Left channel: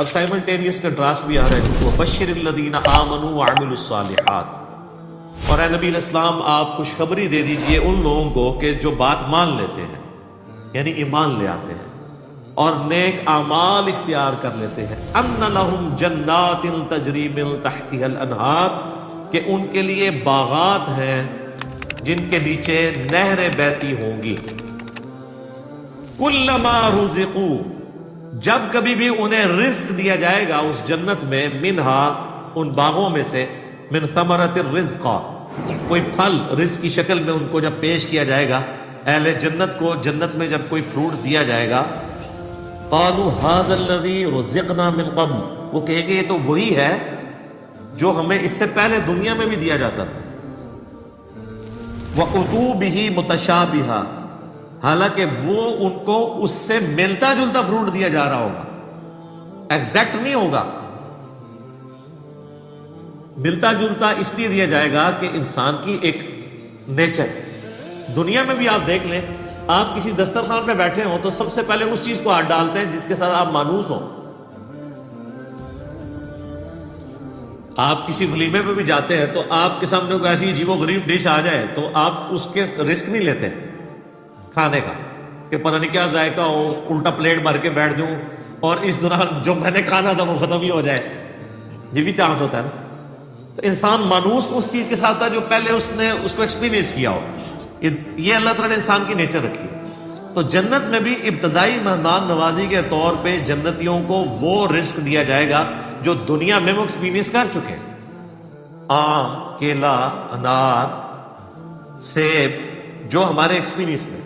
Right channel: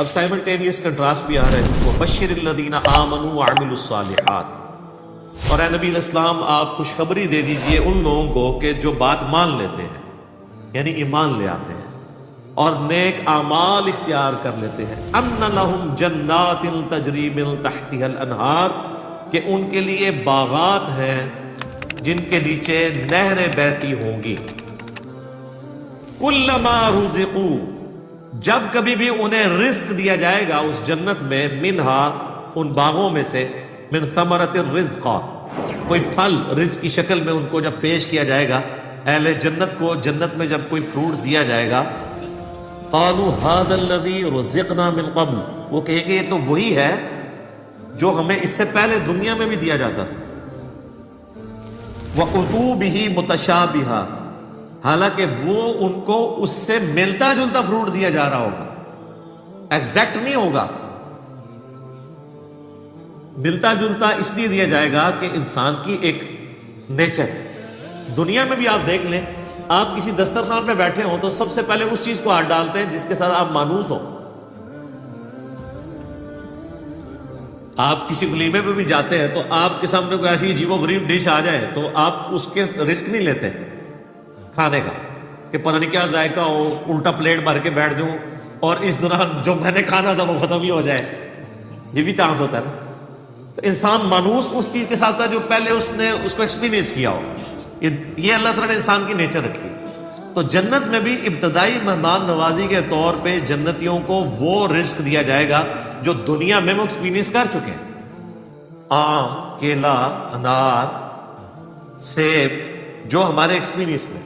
اب simultaneous contrast بھی آ رہا ہے، وَبَشِّرِ الَّذِينَ آمَنُوا وَعَمِلُوا الصَّالِحَاتِ، اور اے نبی علیہ السلام آپ خوشخبری دے دیجئے ان لوگوں کو کہ جو بات مان لیتے ہیں، یعنی ایمان لے آتے ہیں اور نیک اعمال اختیار کر لیتے ہیں، أَنَّ لَهُمْ جَنَّاتٍ تَجْرِي مِن تَحْتِهَا الْأَنْهَارُ، کہ ان کے لیے باغات ہیں جن کے نیچے نہریں بہتی ہوں گی، كُلَّمَا رُزِقُوا، جب کبھی بھی انہیں رزق دیا جائے گا اس جنت میں، منہا ان باغوں میں سے، من ثمرۃ الرزق، کوئی پھل رزق کی شکل میں ان کو جب پیش کیا جائے گا، اہل جنت کو جنت میں جب کوئی فروٹ دیا جائے گا، قالوا هذا الذي رزقنا من قبل، وہ کہیں گے یہ تو وہی ہے جو ہمیں اس سے پہلے دنیا میں بھی دیا جاتا تھا، وَأُتُوا بِهِ مُتَشَابِهًا، حالانکہ وہ ان کو اس سے ملتا جلتا فروٹ دیا جا رہا ہوگا، ایگزیکٹ نہیں ہوگا، ملتا جلتا اس لیے دیا جائے گا کہ انسان کی ایک نیچر، دنیا میں بھی آپ دیکھ لیں، آپ کسی دسترخوان پہ بیٹھے ہو تو سب سے پہلے اس چیز کو ہاتھ ڈالتے ہیں جس کے ساتھ آپ مانوس ہو، آپ کسی ولیمے پہ بھی جاتے ہیں تو آپ کے سامنے کوئی ایسی عجیب و غریب ڈش آ جائے تو آپ اس کے رسک نہیں لیتے کھانے کا کہ پتہ نہیں کیا ذائقہ ہو، الٹا پلیٹ بھر کے بیٹھ دوں اور اس دوران جو میں نے کھانا تھا وہ ختم ہی ہو جائے، یہ بھی چانس ہوتا ہے۔ تو انسان مانوس اس چیز کے ساتھ ہے جو پہلے اس نے اس کو ایکسپیرینس کیا ہو، یہ اللہ تعالیٰ نے انسان کی نیچر رکھی ہے۔ تو جنت میں بھی ابتدائی مہمان نوازی کے طور پہ جنتیوں کو وہ رزق دیا جائے گا جو دنیا میں وہ ایکسپیرینس کر چکے ہیں، آم، کیلا، انار، سیب، جو ہمارے ایکسپیرینس میں،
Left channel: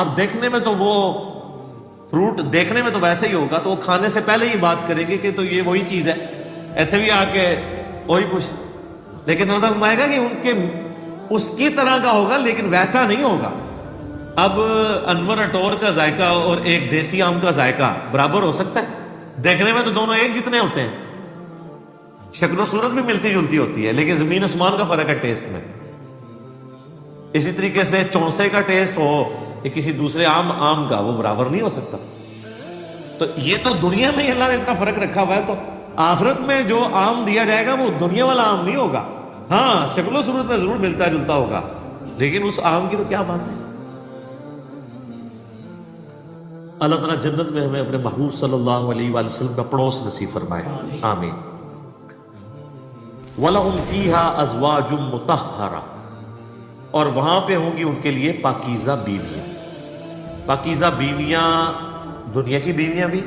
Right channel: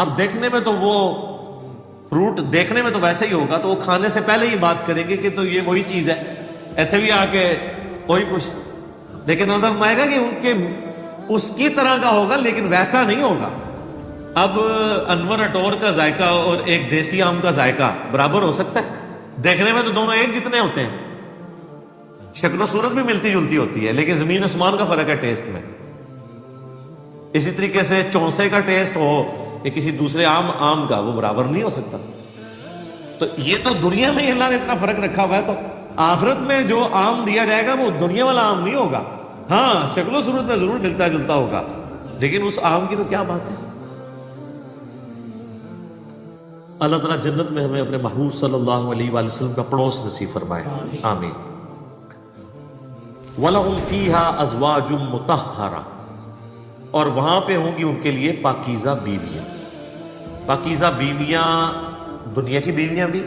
اب دیکھنے میں تو وہ فروٹ دیکھنے میں تو ویسے ہی ہوگا، تو وہ کھانے سے پہلے یہ بات کرے گی کہ تو یہ وہی چیز ہے، ایسے بھی آ کے وہی کچھ، لیکن وہ آئے گا کہ ان کے اس کی طرح کا ہوگا لیکن ویسا نہیں ہوگا۔ اب انور اٹور کا ذائقہ اور ایک دیسی آم کا ذائقہ برابر ہو سکتا ہے؟ دیکھنے میں تو دونوں ایک جتنے ہوتے ہیں، شکل و صورت بھی ملتی جلتی ہوتی ہے، لیکن زمین آسمان کا فرق ہے ٹیسٹ میں۔ اسی طریقے سے چونسے کا ٹیسٹ ہو یا کسی دوسرے آم کا، وہ برابر نہیں ہو سکتا۔ تو یہ تو دنیا میں اللہ نے اتنا فرق رکھا ہوا ہے، تو آخرت میں جو آم دیا جائے گا وہ دنیا والا آم نہیں ہوگا، ہاں شکل و صورت میں ضرور ملتا جلتا ہوگا، لیکن اس آم کی تو کیا بات ہے۔ اللہ تعالیٰ جنت میں ہمیں اپنے محبوب صلی اللہ علیہ وآلہ وسلم کا پڑوس نصیب فرمائے، آمین۔ وَلَهُمْ فِيهَا أَزْوَاجٌ مُطَهَّرَةٌ، اور وہاں پہ ہوں گی ان کے لیے پاکیزہ بیویاں۔ پاکیزہ بیویاں دنیا کی بیویاں بھی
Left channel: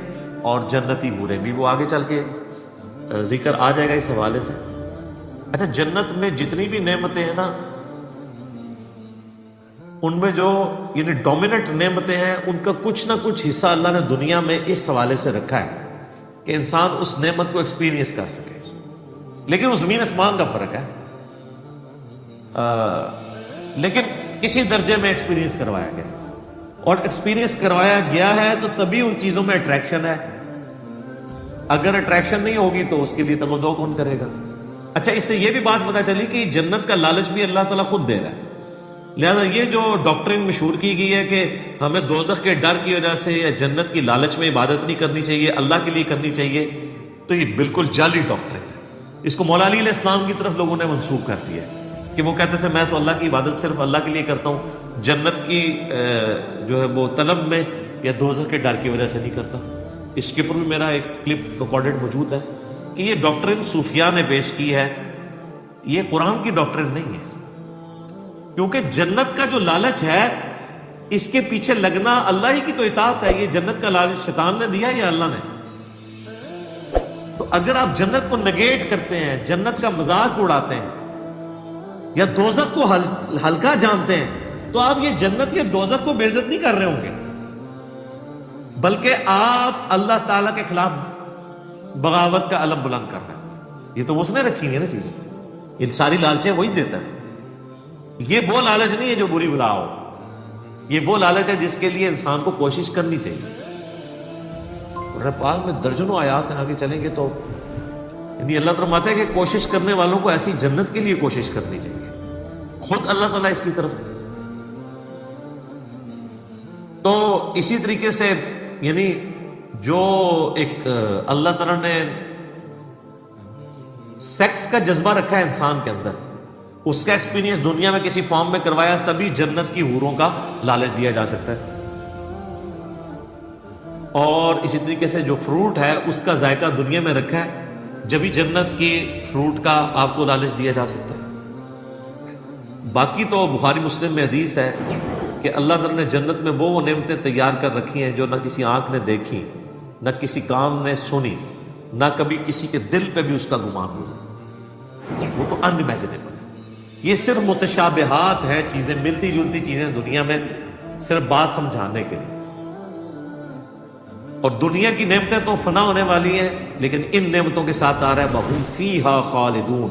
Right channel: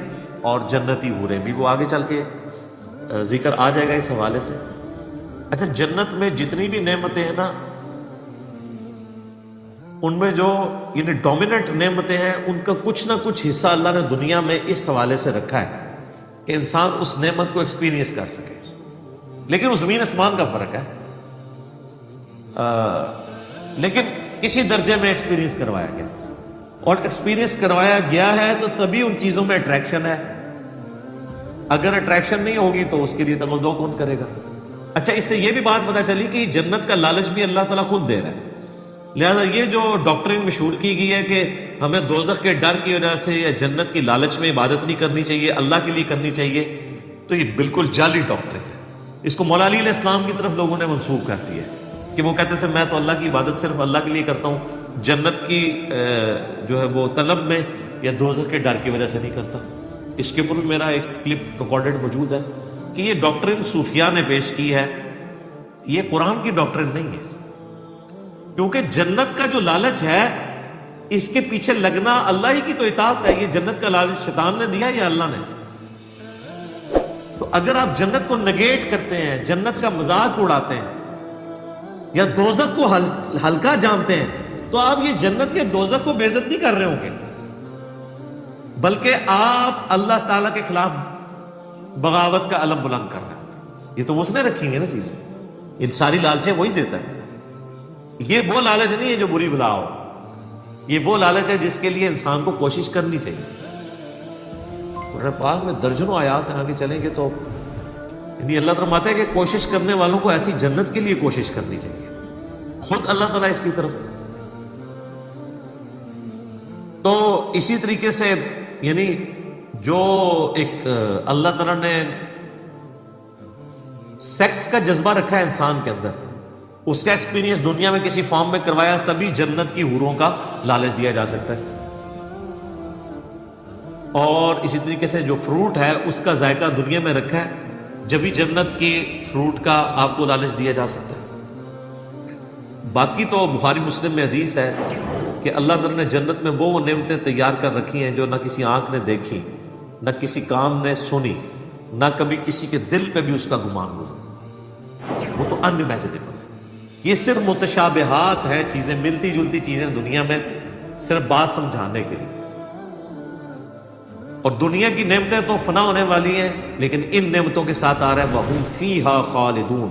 اور جنتی حوریں بھی، وہ آگے چل کے ذکر آ جائے گا اس حوالے سے۔ اچھا، جنت میں جتنی بھی نعمتیں ہیں نا، ان میں جو یعنی ڈومیننٹ نعمتیں ہیں، ان کا کچھ نہ کچھ حصہ اللہ نے دنیا میں اس حوالے سے رکھا ہے کہ انسان اس نعمت کو ایکسپیرینس کر سکے، لیکن وہ زمین آسمان کا فرق ہے، لیکن اسی درجے میں ایکسپیرینس کروایا گیا، اور ایکسپیرینس کروایا گیا ہے تو تبھی ان چیزوں میں اٹریکشن ہے، اگر اٹریکشن نہیں ہوگی تو اس کے لیے تمدو کون کرے گا۔ اچھا، اس سے یہ بھی بات پتہ چلی کہ جنت کا لالچ بھی اللہ تعالیٰ خود دے رہا ہے، لہذا یہ جو ڈاکٹرین مشہور کی گئی ہے کہ ہمیں دوزخ کے ڈر کی وجہ سے یا جنت کی لالچ میں عبادت نہیں کرنی چاہیے، اللہ کے لیے کرنی چاہیے، تو یہ بالکل جعلی ڈاکٹرین ہے۔ اس کو مولا علی علیہ السلام کی طرف لوگوں نے منسوخ کر دیا کہ وہ کہتے تھے میں تو اللہ کی عبادت صرف اللہ کے لیے کرتا ہوں، جنت کی جو ہے وہ طلب میں یا دوزخ کے ڈر کی وجہ سے نہیں کرتا۔ اس کے اوپر بھی میرا ایک کلپ ریکارڈڈ موجود ہے کہ یہ ڈاکٹرین صوفیاء نے پیش کی ہے، یہ قرآن کی ڈاکٹرین نہیں ہے، کیونکہ جنت کا جو لالچ ہے اس کے پیچھے لگنا اللہ ہی کی تو اطاعت ہے۔ یہ جنت کا لالچ شیطان نے دیا یا اللہ نے؟ تو اگر آپ جنت کو نگیٹ کرتے ہیں، جنت کا مذاق اڑاتے ہیں یا دوزخ کو ہلکا جانتے ہیں، تو آپ یہ جنت یا دوزخ کو بے عزت نہیں کر رہے ہوں گے، بلکہ آپ اللہ تعالیٰ کے خلاف بغاوت کا علم بلند کر رہے ہیں۔ یہ تو اس نے رکھی ہے نا چیز، یہ ساری لالچیں وہی دیتا ہے۔ یہ وہ لالچ نہیں ہے جو بری بلا ہو، یہ وہ لالچ ہے جس کے لیے انسان کو کوشش کرنی چاہیے۔ قرآن پاک میں درجنوں آیات ہیں، آگے چلیں گے تو یعنی اللہ فرماتا ہے کہ کوشش کرنے والوں کو ایسی جنت کے لیے کوشش کرنی چاہیے، خود اللہ تعالیٰ اس کی طرف ہے۔ تو اسی طریقے سے یعنی جو ایک اللہ تعالیٰ نے سیکس کا جذبہ رکھا ہے انسان کے اندر، اس کا ایکسپیرینس دنیا میں کسی فارم میں کروایا، تبھی جنت کی حوروں کا لالچ دیا جا سکتا ہے۔ اور اسی طریقے سے جو فروٹ ہے اس کا ذائقہ دنیا میں رکھا ہے، جبھی جنت کے فروٹ کا آپ کو لالچ دیا جا سکتا ہے۔ باقی تو بخاری مسلم میں حدیث ہے کہ اللہ تعالیٰ نے جنت میں وہ نعمتیں تیار کر رکھی ہیں جو نہ کسی آنکھ نے دیکھی، نہ کسی کان نے سنی، نہ کبھی کسی کے دل پہ بھی اس کا گمان ہوا۔ وہ تو انمیجنیبل ہے۔ یہ صرف متشابہات ہیں، چیزیں ملتی جلتی چیزیں دنیا میں، صرف بات سمجھانے کے لیے۔ اور دنیا کی نعمتیں تو فنا ہونے والی ہیں، لیکن ان نعمتوں کے ساتھ آ رہے ہیں وَهُمْ فِيهَا خَالِدُونَ،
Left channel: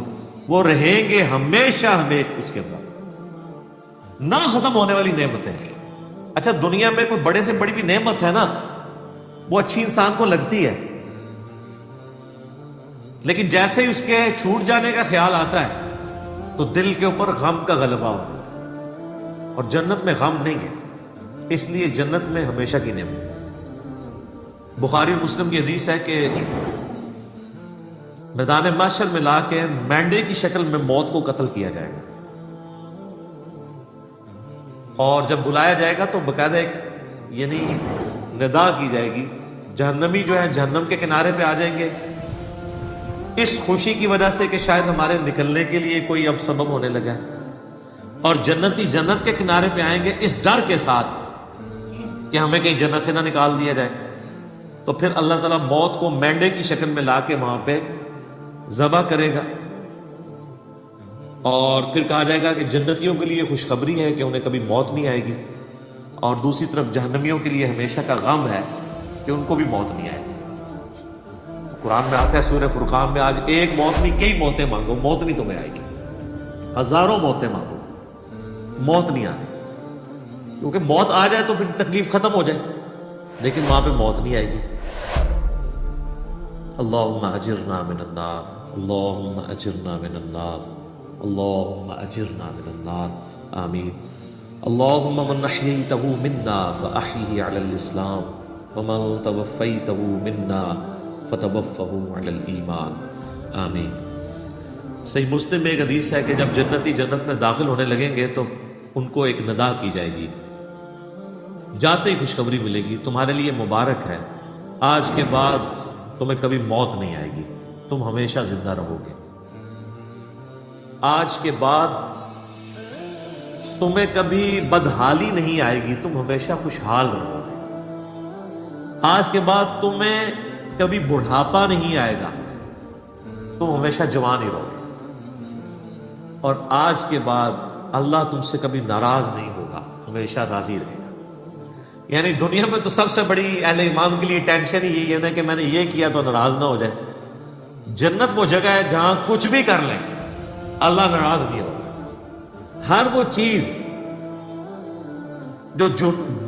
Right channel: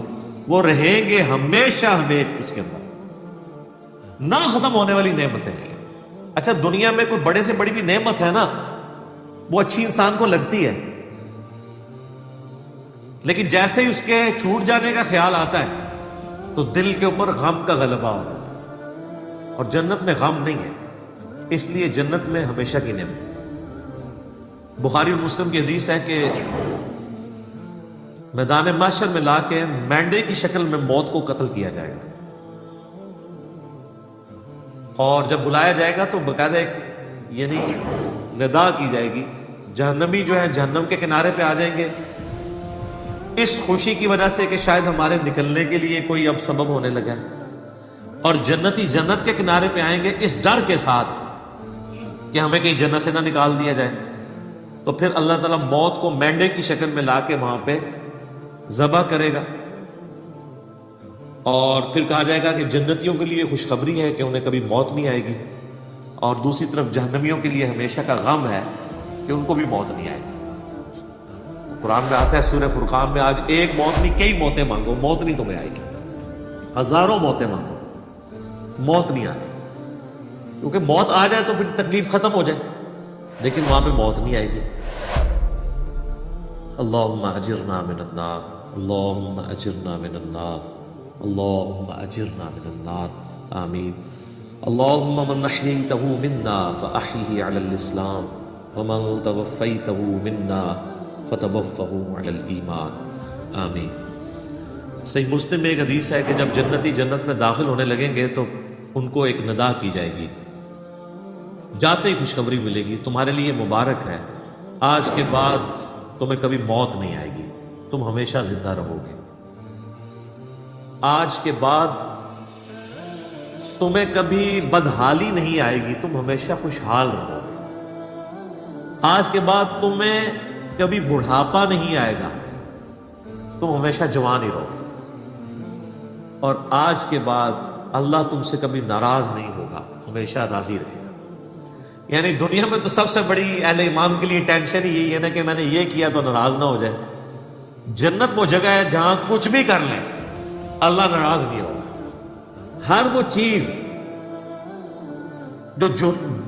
وہ رہیں گے ہمیشہ ہمیشہ اس کے اندر، نہ ختم ہونے والی نعمتیں۔ اچھا دنیا میں کوئی بڑے سے بڑی بھی نعمت ہے نا، وہ اچھی انسان کو لگتی ہے، لیکن جیسے ہی اس کے چھوٹ جانے کا خیال آتا ہے تو دل کے اوپر غم کا غلبہ ہو جاتا ہے، اور جنت میں غم نہیں ہے، اس لیے جنت میں ہمیشہ کی نعمت۔ بخاری مسلم کی حدیث ہے کہ میدان محشر میں لا کے مینڈے کی شکل میں موت کو قتل کیا جائے گا، اور جب بلایا جائے گا تو باقاعدہ ایک یعنی ندا کی جائے گی، جہنمی جو ہے جہنم کے کنارے پہ آ جائیں گے، اس خوشی کی وجہ سے کہ شاید ہمارے نکلنے کے لیے کوئی اب سبب ہونے لگا ہے، اور جنتی جنت کے کنارے پہ آئیں گے اس ڈر کے ساتھ کہ ہمیں کہیں جنت سے نہ نکال دیا جائے۔ تو پھر اللہ تعالیٰ موت کو مینڈے کی شکل میں لا کے وہاں پہ ذبح کرے گا، اور پھر کہا جائے گا کہ جنتیوں کے لیے خوشخبری ہے کہ انہیں کبھی موت نہیں آئے گی، اور دوسری طرف جہنمیوں کے لیے ہمیشہ کا غم ہے کہ ان کو بھی موت نہیں آئے گی۔ قرآن میں آتا ہے سورہ فرقان میں، آج ایک موت نہیں کئی موتیں مانگو، موت نہیں تمہیں آئے گی، ہزاروں موتیں مانگو، موت نہیں آئے گی، کیونکہ موت آ جائے تو پھر تکلیف ختم ہو جائے، لیکن وہاں پہ موت نہیں آئے گی۔ اللہم اجرنا من النار، اللہم اجرنا من النار، اللہم اجرنا من النار، آمین۔ اللہم من احییتہ منا فاحیہ علی الاسلام، ومن توفیتہ منا فتوفہ علی الایمان، آمین۔ صحیح مسلم میں ایک حدیث ہے کہ جب جنتی جنت میں داخل ہونے لگیں گے تو ان کو ایک ندا کی جائے گی، جاتے ہی خوشخبری ملے گی، تمہارے لیے مبارک ہے، آج کے بعد تمہیں کبھی موت نہیں آئے گی، تم ہمیشہ زندہ رہو گے، آج کے بعد تمہیں کبھی بدحالی نہیں آئے گی، تم ہمیشہ خوشحال رہو گے، آج کے بعد تمہیں کبھی بڑھاپا نہیں آئے گا، تم ہمیشہ جوان ہی رہو گے، اور آج کے بعد اللہ تم سے کبھی ناراض نہیں ہوگا، ہمیشہ راضی رہے گا۔ یعنی دنیا میں تو سب سے بڑی اہل ایمان کے لیے ٹینشن ہی یہی ہے کہ میں نے یہ کیا تو ناراض نہ ہو جائے۔ جنت وہ جگہ ہے جہاں کچھ بھی کر لیں اللہ ناراض نہیں ہوگا، ہر وہ چیز جو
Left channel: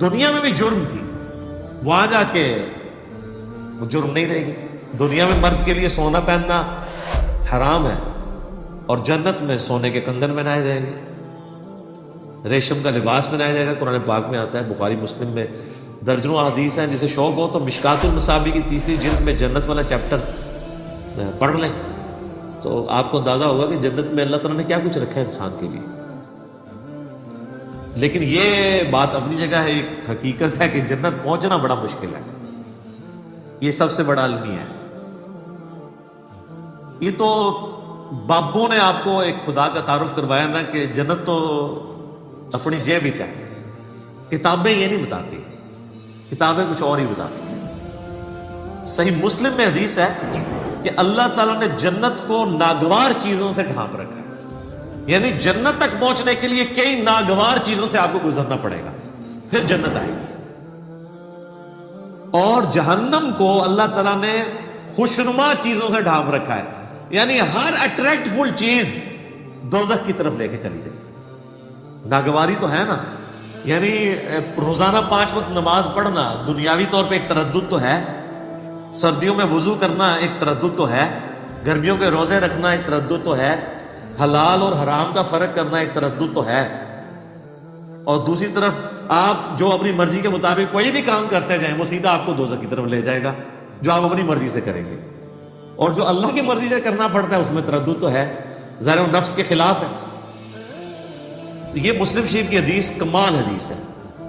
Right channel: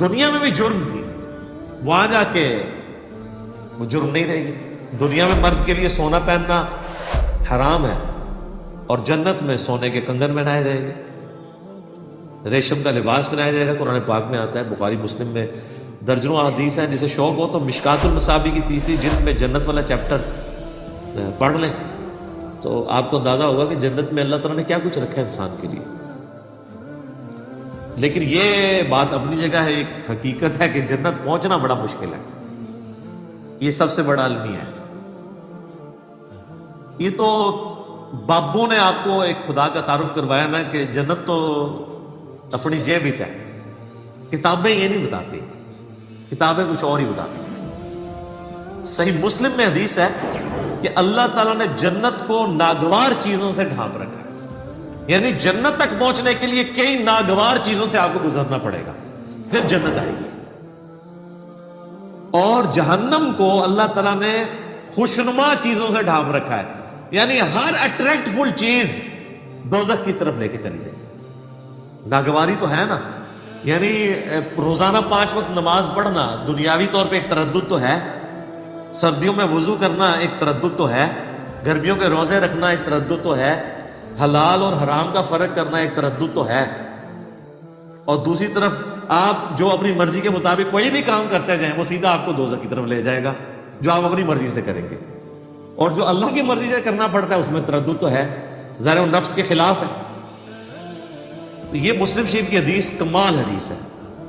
دنیا میں بھی جرم تھی وہاں جا کے وہ جرم نہیں رہے گی۔ دنیا میں مرد کے لیے سونا پہننا حرام ہے، اور جنت میں سونے کے کنگن پہنائے جائیں گے، ریشم کا لباس پہنایا جائے گا۔ قرآن پاک میں آتا ہے، بخاری مسلم میں درجنوں حدیث ہیں، جسے شوق ہو تو مشکات المصابیح کی تیسری جلد میں جنت والا چیپٹر پڑھ لیں تو آپ کو اندازہ ہوگا کہ جنت میں اللہ تعالیٰ نے کیا کچھ رکھا ہے انسان کے لیے۔ لیکن یہ بات اپنی جگہ ہے، ایک حقیقت ہے کہ جنت پہنچنا بڑا مشکل ہے، یہ سب سے بڑا المیہ ہے۔ یہ تو بابوں نے آپ کو ایک خدا کا تعارف کروایا نا کہ جنت تو اپنی جیب ہی چاہے، کتابیں یہ نہیں بتاتی، کتابیں کچھ اور ہی بتاتی۔ صحیح مسلم میں حدیث ہے کہ اللہ تعالیٰ نے جنت کو ناگوار چیزوں سے ڈھانپ رکھا ہے، یعنی جنت تک پہنچنے کے لیے کئی ناگوار چیزوں سے آپ کو گزرنا پڑے گا، پھر جنت آئے گی۔ اور جہنم کو اللہ تعالیٰ نے خوشنما چیزوں سے ڈھانپ رکھا ہے، یعنی ہر اٹریکٹ فل چیز دوزخ کی طرف لے کے چلی جائے گی۔ ناگواری تو ہے نا، یعنی روزانہ 5 وقت نماز پڑھنا دنیاوی طور پہ ایک تردد تو ہے، سردیوں میں وضو کرنا ایک تردد تو ہے، گرمیوں کے روزے رکھنا ایک تردد تو ہے، حلال اور حرام کا فرق کرنا ایک تردد تو ہے، اور دوسری طرف آپ جو اپنی مرضی کے مطابق کوئی بھی کام کرتے جائیں وہ سیدھا آپ کو دوزخ کی طرف لے جائے گا، جو آپ اپنی مرضی سے کریں گے. اور جو اللہ کی مرضی سے کرنا پڑتا ہے اس میں تردد تو ہے، ظاہر و نفس کے خلاف ہے. یہ مسلم شریف کی حدیث کمال حدیث ہے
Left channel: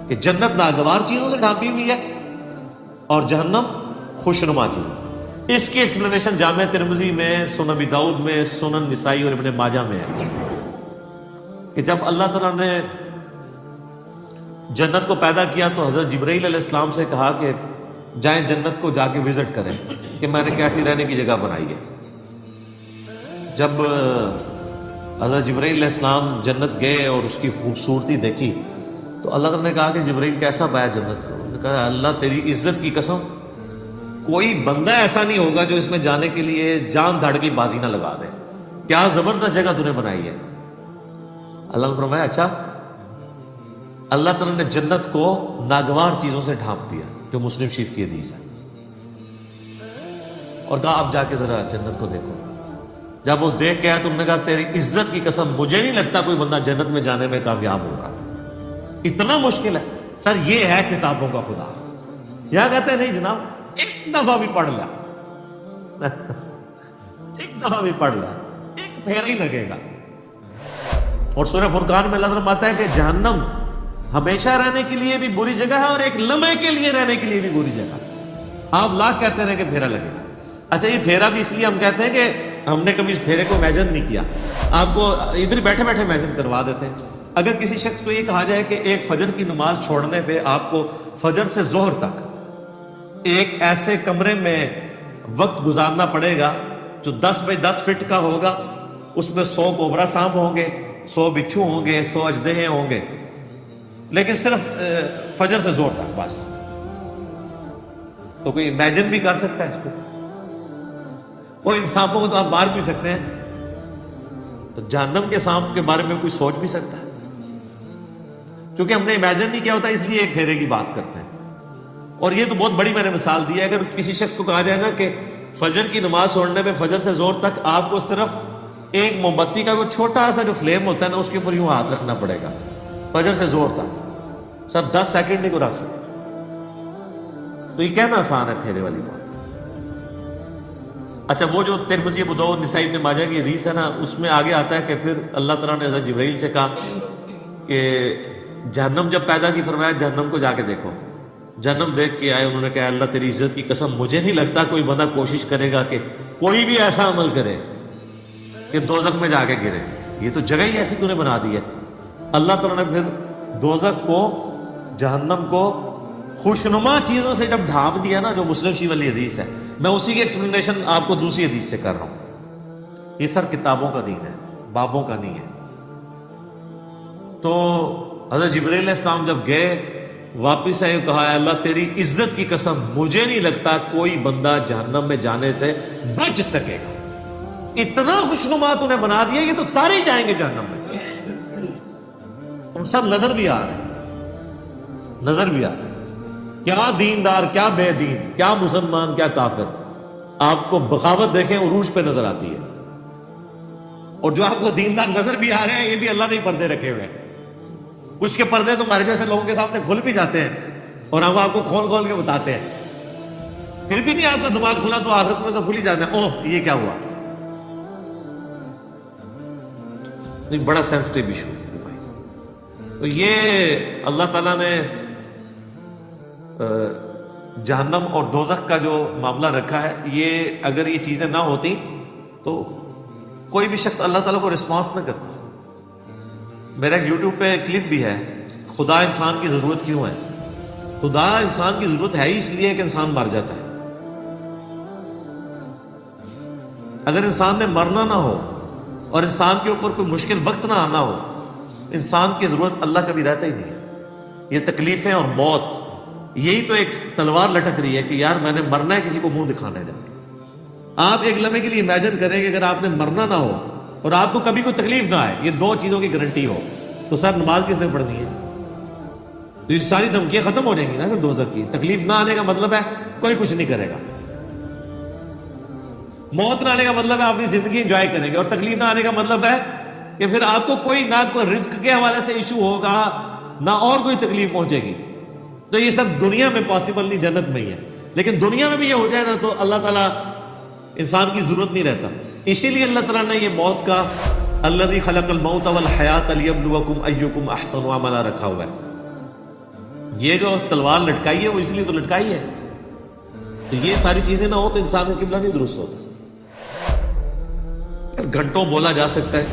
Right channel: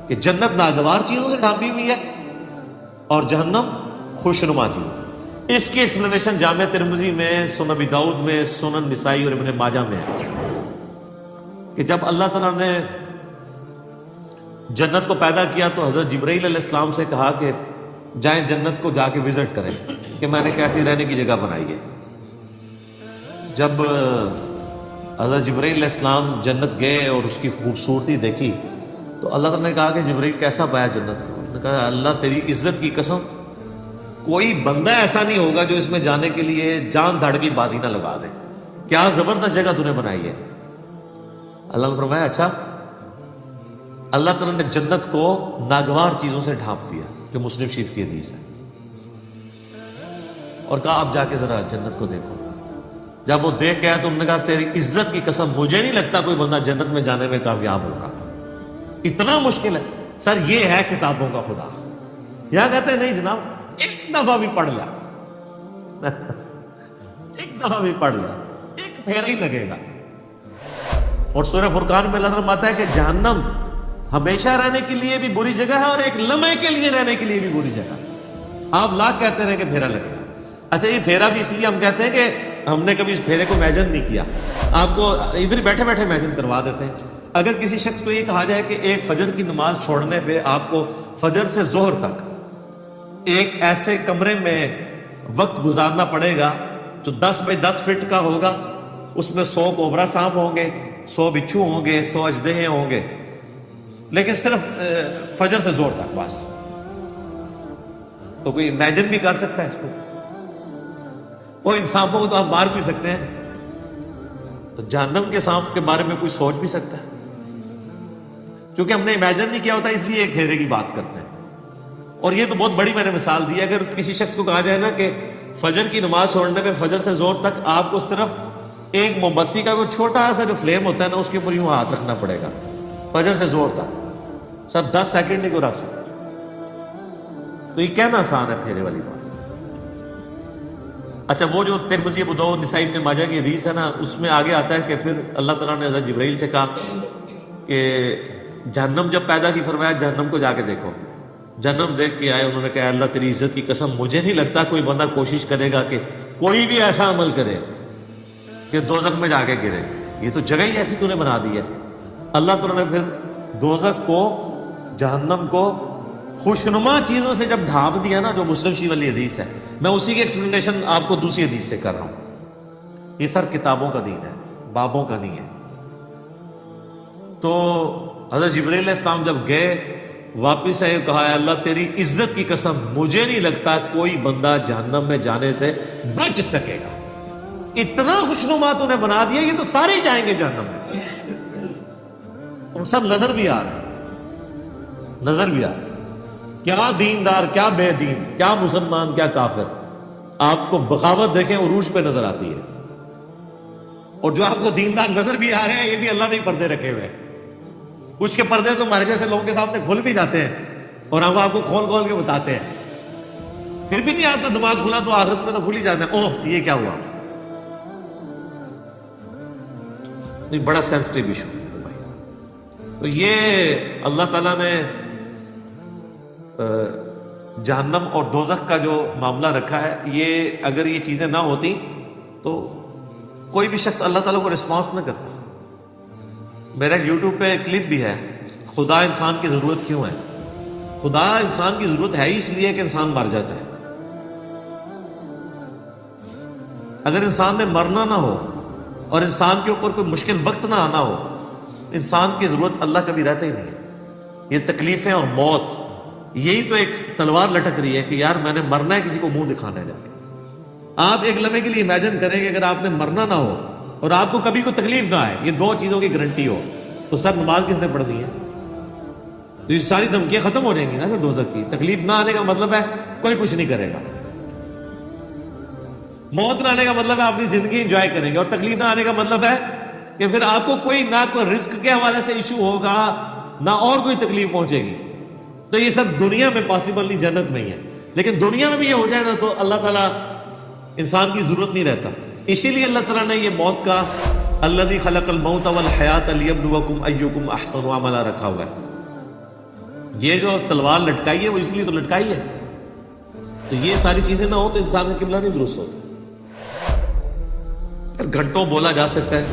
کہ جنت ناگوار چیزوں سے ڈھانپی ہوئی ہے اور جہنم خوشنما چیزوں سے. اس کی ایکسپلینیشن جامع ترمذی میں، سنن ابی داؤد میں، سنن نسائی اور ابن ماجہ میں ہے کہ جب اللہ تعالیٰ نے جنت کو پیدا کیا تو حضرت جبرائیل علیہ السلام سے کہا کہ جائیں جنت کو جا کے وزٹ کریں کہ میں نے کیسی رہنے کی جگہ بنائی ہے. جب حضرت جبرائیل علیہ السلام جنت گئے اور اس کی خوبصورتی دیکھی تو اللہ تعالیٰ نے کہا کہ جبرائیل کیسا پایا جنت کو؟ انہوں نے کہا اللہ تیری عزت کی قسم کوئی بندہ ایسا نہیں ہوگا جو اس میں جانے کے لیے جان داڑ کی بازی نہ لگا دے. کیا زبردست جگہ تُو نے بنائی ہے. اللہ نے فرمایا اچھا. اللہ تعالیٰ نے جنت کو ناگوار چیزوں سے ڈھانپ دیا، جو مسلم شریف کی حدیث ہے، اور کہا آپ جا کے ذرا جنت کو دیکھو. جب وہ دیکھ کے آیا تو انہوں نے کہا تیری عزت کی قسم مجھے نہیں لگتا کوئی بندہ جنت میں جانے میں کامیاب ہوگا، اتنا مشکل ہے. سر یہ ہے کتابوں کا خدا. یہاں کہتے ہیں نہیں جناب ایک دفعہ بھی پڑھ لا، ایک دفعہ بھی پڑھ لا، ایک پھیرا ہی لگے گا. اور سورہ فرقان میں اللہ تعالیٰ فرماتا ہے کہ جہنم ہمیشہ رہنے کے لیے بھی بری جگہ ہے اور ایک لمحے کے لیے رہنے کے لیے بھی بری جگہ. آپ لاکھ کہتے رہے کہ پھیرا لگے گا. اچھا یہ پھیرا بھی اس لیے ہم کہتے ہیں کہ ہم نے کبھی اس پھیرے کو امیجن نہیں کیا، آپ کو ادھر بیٹھے بیٹھے امیجن کروا دیتے ہیں. اگر کسی شخص کو یہ کہا جائے کہ ایک فجر کی نماز چھوڑنے میں آپ کو فجر سے ظہر تک ایک ایسے کمرے میں وقت گزارنا پڑے گا جو 10 بائی 10 فٹ کا ہوگا، اس میں 100 کوبرا سانپ ہوں گے، 100 بچھو ہوں گے، 100 اژدہے ہوں گے، لیکن صرف فجر سے زور تک بس، تو کوئی امیجن بھی کر سکتا ہے اس کو؟ وہ ان سانپوں کو تو آپ مار بھی سکتے ہیں، تو جہنم کے سانپ کے بارے میں کوئی سوچ بھی سکتا ہے؟ چونکہ ہم نے امیجن نہیں کیا ہوتا اس لیے ایک پھیرے کی بات کرتے ہیں. اور یہ تو بہت بڑی میں نے مثال دی ہے. اگر کسی شخص کو کہا جائے نا کہ فجر کی نماز چھوڑنے میں فجر سے زور تک آپ کو صرف ایک موم بتی کا کوئی چھوٹا سا جو فلیم ہوتا ہے نا اس کے اوپر یوں ہاتھ رکھنا پڑے گا فجر سے زور تک، سر 10 سیکنڈ نہیں کو رکھ سکتے. تو یہ کہنا آسان ہے پھیرے والی بات. اچھا وہ جو ترمذی ابو داؤد نسائی ابن ماجہ کی حدیث ہے نا، اس میں آگے آتا ہے کہ پھر اللہ تعالیٰ نے حضرت جبرائیل سے کہا کہ جہنم جب پیدا کی فرمایا جہنم کو جا کے دیکھو. جہنم دیکھ کے آئے، انہوں نے کہا اللہ تیری عزت کی قسم مجھے نہیں لگتا کوئی بندہ کوشش کرے گا کہ کوئی بھی ایسا عمل کرے کہ دوزخ میں جا کے گرے. یہ تو جگہ ہی ایسی تو نے بنا دی ہے. اللہ تعالیٰ نے پھر دوزخ کو، جہنم کو خوشنما چیزوں سے جب ڈھانپ دیا نا، جو مسلم شریف والی حدیث ہے، میں اسی کی ایکسپلینیشن آپ کو دوسری حدیث سے کر رہا ہوں. یہ سب کتابوں کا دین ہے، بابوں کا نہیں ہے. تو حضرت جبرائیل علیہ السلام جب گئے واپس آئے، کہا اللہ تیری عزت کی قسم مجھے نہیں لگتا کوئی بندہ جہنم میں جانے سے بچ سکے گا. اتنا خوشنما تو نے بنا دیا، یہ تو سارے جائیں گے جہنم میں. اور سب نظر بھی آ رہے، نظر بھی آ رہے. کیا دیندار، کیا بے دین، کیا مسلمان، کیا کافر. آپ کو بغاوت دیکھیں عروج پہ نظر آتی ہے. اور جو آپ کو دیندار نظر بھی آ رہے ہیں یہ بھی اللہ نے پردے رکھے ہوئے ہیں. کچھ کے پردے تو ہمارے جیسے لوگوں کے سامنے کھل بھی جاتے ہیں اور ہم آپ کو کھول کھول کے بتاتے ہیں، پھر بھی نہیں آپ کا دماغ کھلا تو عادت میں تو کھل ہی جاتا ہے. اوہ یہ کیا ہوا. نہیں، بڑا سینسٹیو ایشو ہے بھائی. تو یہ اللہ تعالیٰ نے جہنم اور دوزخ کا جو معاملہ رکھا ہے، یہ اگر یہ چیزیں نہ ہوتی تو کوئی بھی شخص اللہ تعالیٰ کو رسپانس نہ کرتا. میرا یوٹیوب پہ کلپ بھی ہے، خدا انسان کی ضرورت کیوں ہے. خدا انسان کی ضرورت ہے ہی اس لیے کہ انسان مر جاتا ہے. اگر انسان نے مرنا نہ ہو اور انسان کے اوپر کوئی مشکل وقت نہ آنا ہو، انسان کی ضرورت اللہ کبھی رہتے ہی نہیں ہے. یہ تکلیفیں اور موت، یہی تو ایک تلوار لٹک رہی ہے کہ یار میں نے مرنا ہے، کسی کو منہ دکھانا ہے. آپ ایک لمحے کے لیے امیجن کریں کہ اگر آپ نے مرنا نہ ہو اور آپ کو کبھی کوئی تکلیف نہ آئے، یہ دو چیزوں کی گارنٹی ہو، تو سر نماز کس نے پڑھنی ہے؟ تو یہ ساری دھمکیاں ختم ہو جائیں گی نا. اگر دوزخ کی تکلیف نہ آنے کا مطلب ہے کوئی کچھ نہیں کرے گا. موت نہ آنے کا مطلب ہے آپ اپنی زندگی انجوائے کریں گے. اور تکلیف نہ آنے کا مطلب ہے کہ پھر آپ کو کوئی نہ کوئی رزق کے حوالے سے ایشو ہوگا، نہ اور کوئی تکلیف پہنچے گی. تو یہ سب دنیا میں پاسبل نہیں، جنت میں ہی ہے. لیکن دنیا میں بھی یہ ہو جائے نا تو اللہ تعالیٰ انسان کی ضرورت نہیں رہتا. اسی لیے اللہ تعالیٰ نے یہ موت کا الذی خلق الموت والحیات لیبلوکم ایکم احسن عملا رکھا ہوا ہے. یہ جو تلوار لٹکائی ہے وہ اس لیے تو لٹکائی ہے. یہ ساری چیزیں نہ ہو تو انسان کا کتنا نہیں درست ہوتا. گھنٹوں بولا جا سکتا ہے.